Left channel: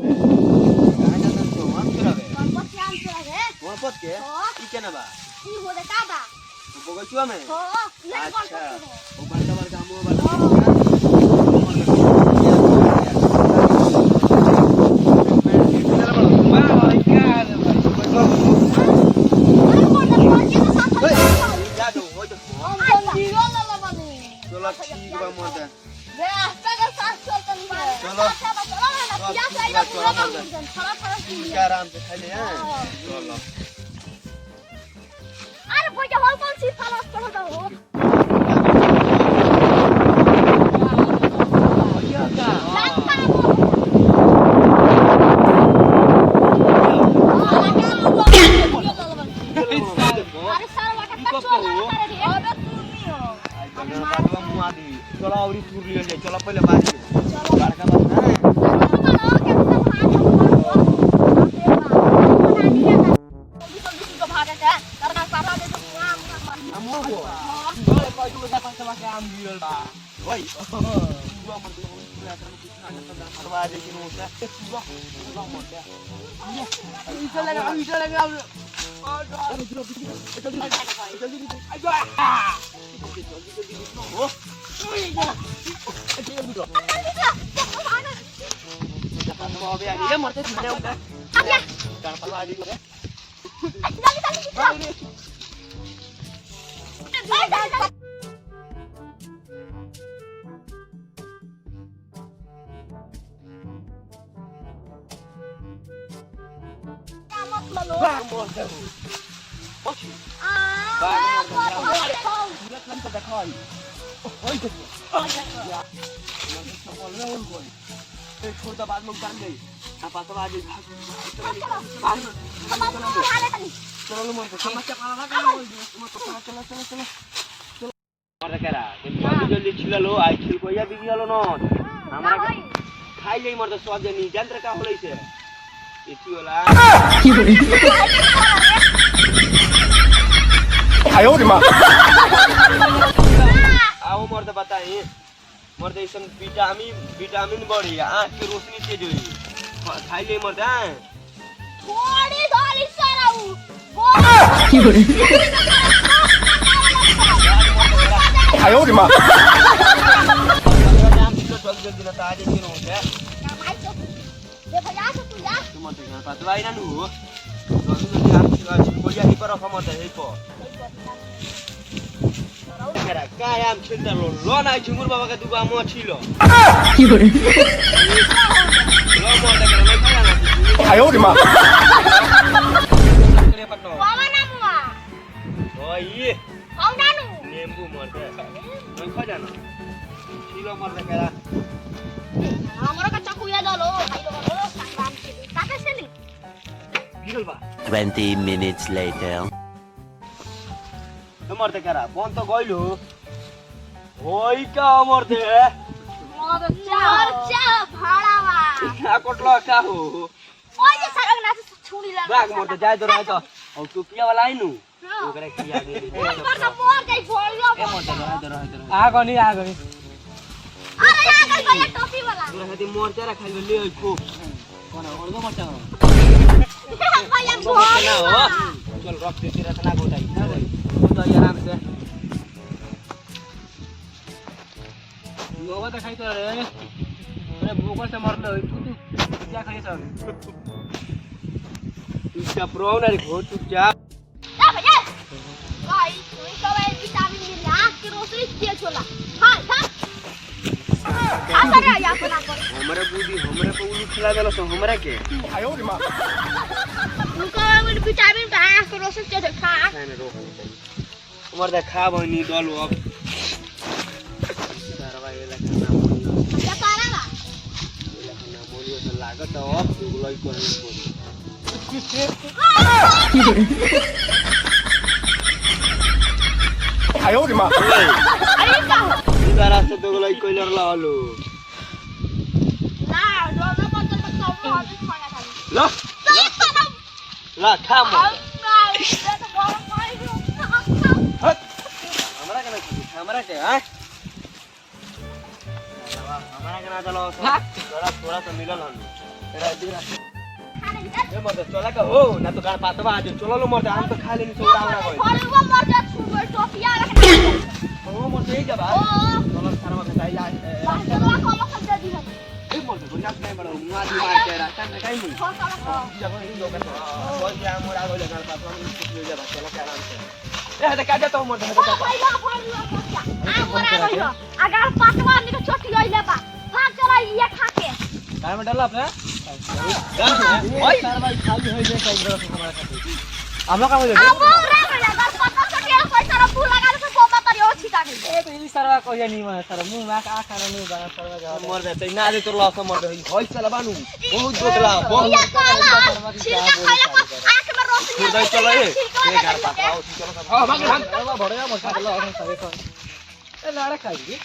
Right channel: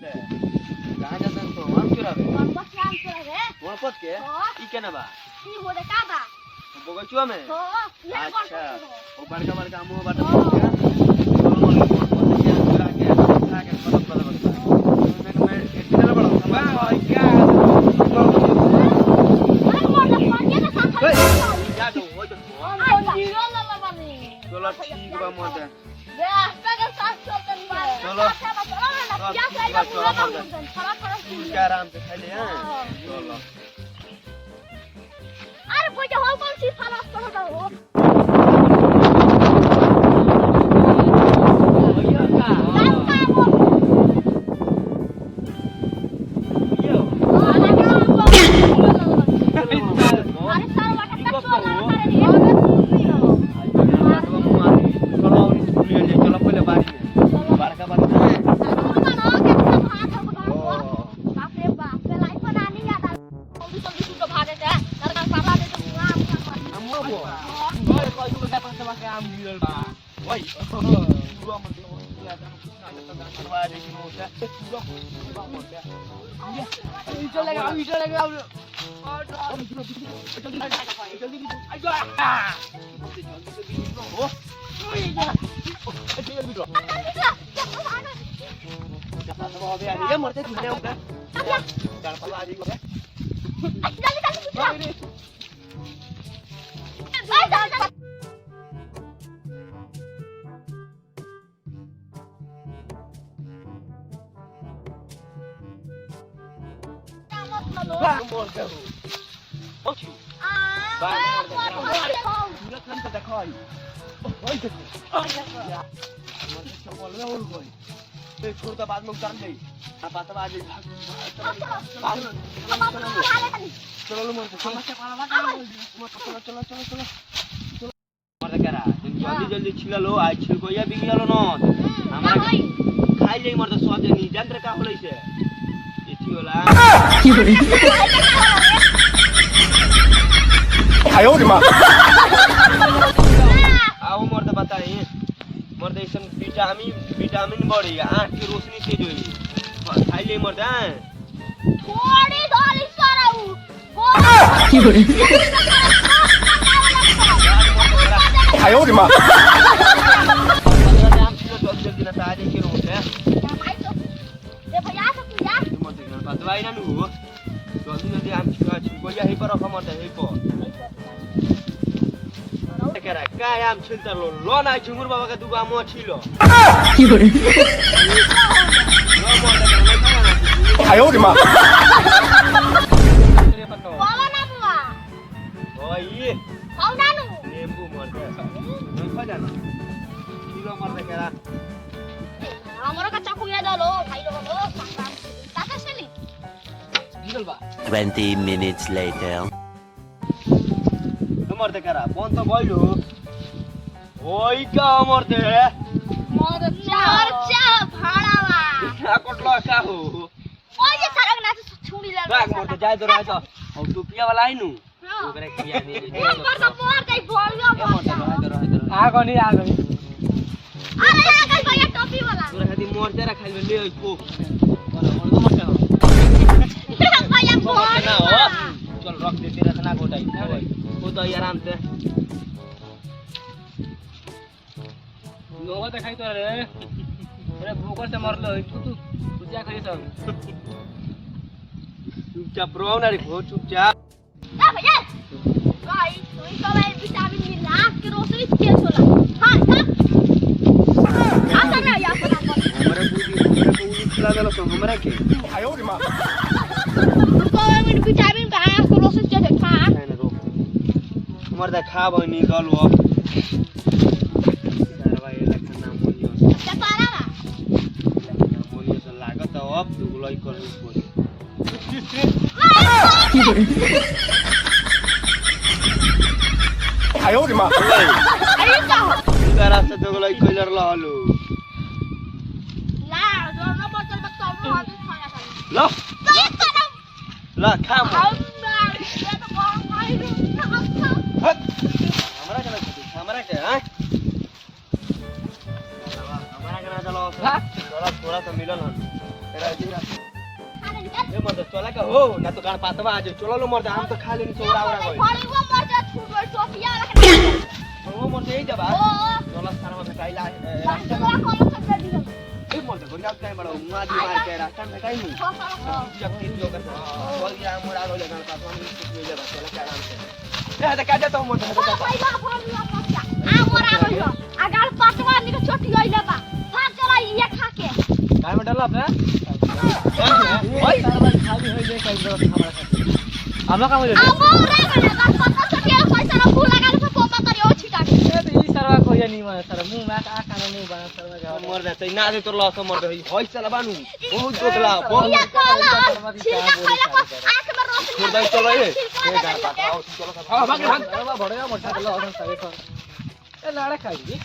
कहाँ जाता तो हम चुरावे गणपत के आम चुरावे गणपत के हाँ। ई केना बा ई हो रे का बा बगचुआ में हो ये अच्छा गणपत वो बड़का बड़का मुंह वाला चलो मन मैं चला बड़ा वाह क्या अरे मोर ना मोर के साथ जा दो हो तो जीरो ला ला बनी चलो ठीक बा मोर दे बे रास्ता के साथ चलतन बा चलो। चलो ना पिया से आइगा पूरा काम करतन थोड़ा थोड़ा क्या आराम से खा ले हैं चलो अरे भैया हो कौन सी फालस कर हो अरे सारा बाटा कच्चा चलो पहले बात में बड़का बात है आम गिरल बा ओए पूरा मन पूरा यात्रा में कुछ ना करता करवा दे कि मोटा पूरा मोटा इधर लगा ये मरते थे होगा कर परवा दी को छोटा बाद में कर गई आप आता आज चलो मन समस्या चलो चलो चलो चलो मार करा जल्दी जल्दी छिललो आई छिल को या बिग गेलो न हमरा खाइ जाई मर त स्वाद नहीं जंत्र का होलै से इसी होला आयो रे मां आओ मर त बताई मर त इसन विटामिन बढ़ी आंख की रोशनी तेज होई खाइ जाई मर त थोड़ी थोड़ी सराऊ आयो रे मां दवाई ना नु जल्दी आम कोया ही पर मत है को करा काय आम छिलता लो ना झुंगुर बाबा का दुबा मो छिलो आयो रे मां बाबा ना मुआ ओए हाउ नानु नींबू मर दे न खा जाना छिलो मर दे करा हमरा का चाकू या डालो भाई लोग संग्राम के ताके चली 20 minutes later. मर दे करा कौन तो गइलो ओई का मर दे मरचा भाड़ावा आ कोटला का हो ओए ये सरक ना छुरी लगा राग मर दे जाय तो रह तो अब तू पिया वाला आइनु ओकरे किया नहीं पर तो मोर दे भोलियो मर दे रह आ गनी अरे आ गई ये टोपी वाला तोरा खाती मोर जरा खाइ ले को कोन और तो मत भैया भोल ना हो चल रख दे तेरा खाना गोटाई ना भाई वो तो आराम से लोग देखाई तो रे अरे भूख से मरलो तू क्या खाई सब चुपचाप रहो ना रे बहुत चुपचाप जा भैया गाइस तुम तो ये विटामिन मिल आंख की रोशनी तेज होला हां जा आ करे या पर हमरा को उली खिला देलो तो हमरा के आयो रे मां तो विटामिन का आंख की रोशनी तेज खा खाना रोक मर दे खा बनी गलो क्या करावा मोली तो लागत अब गुलाई करनी पड़ी आयो रे मां अरे तो उधर रास्ते तो गुलाई कोइलर लालो ला दो नंबर चल मत खाओ हाथ खाना खाली ला तो ला खा मो ये तो बहुत खाई हमरा के हां हमरा के ना चलो थोड़ा थोड़ा तो मिलल हन ए मर्द चला का हो ना तो गाड़ पातवा आज चलो लो मर्द हम तो खा लेनी सोड़ा आवड़ा कोई फलवा मर्द छुड़ो टोपिया रख ओ मर्द यही जा बा चलो सारा में खाई ला बाहरवा कॉल कर दे दिहन ए मर्द गोरी आप नहीं बड़ा मुआ दी मार के रास्ता में काई नहीं जब इन लोग का बोल के मोरा हो जाएगा पातवा में कुछ ले जा चलो आराम से ए तो काट तो मर्द पहिला फलवा पक्का आ मोरा गयो अगर पातवा निको छोटी होइले बा भाग चला ये खा के काय में डाला अपने ओए सारा भाई खाली होई ले कई बार हमारा खाते हम काम हो जाए मोरा गयो बस के पैसा रा फूल लगा के पोपा तरी ओ छिटा ए तो ई सरवा कोई नहीं माने सर मुंह में आ खाना नहीं बना सरवा जा मर जाते ना दे तो लॉस मर रही होई चला बानू बहुत दोतला बहुत ये काला सरवा की क्या बोले सारे आंख में रोशनी फिर जाए चलो ये गाड़ पातवा चलो हां भाग भाग बड़ा मोटा लो और सारे ए लाड़ा खाई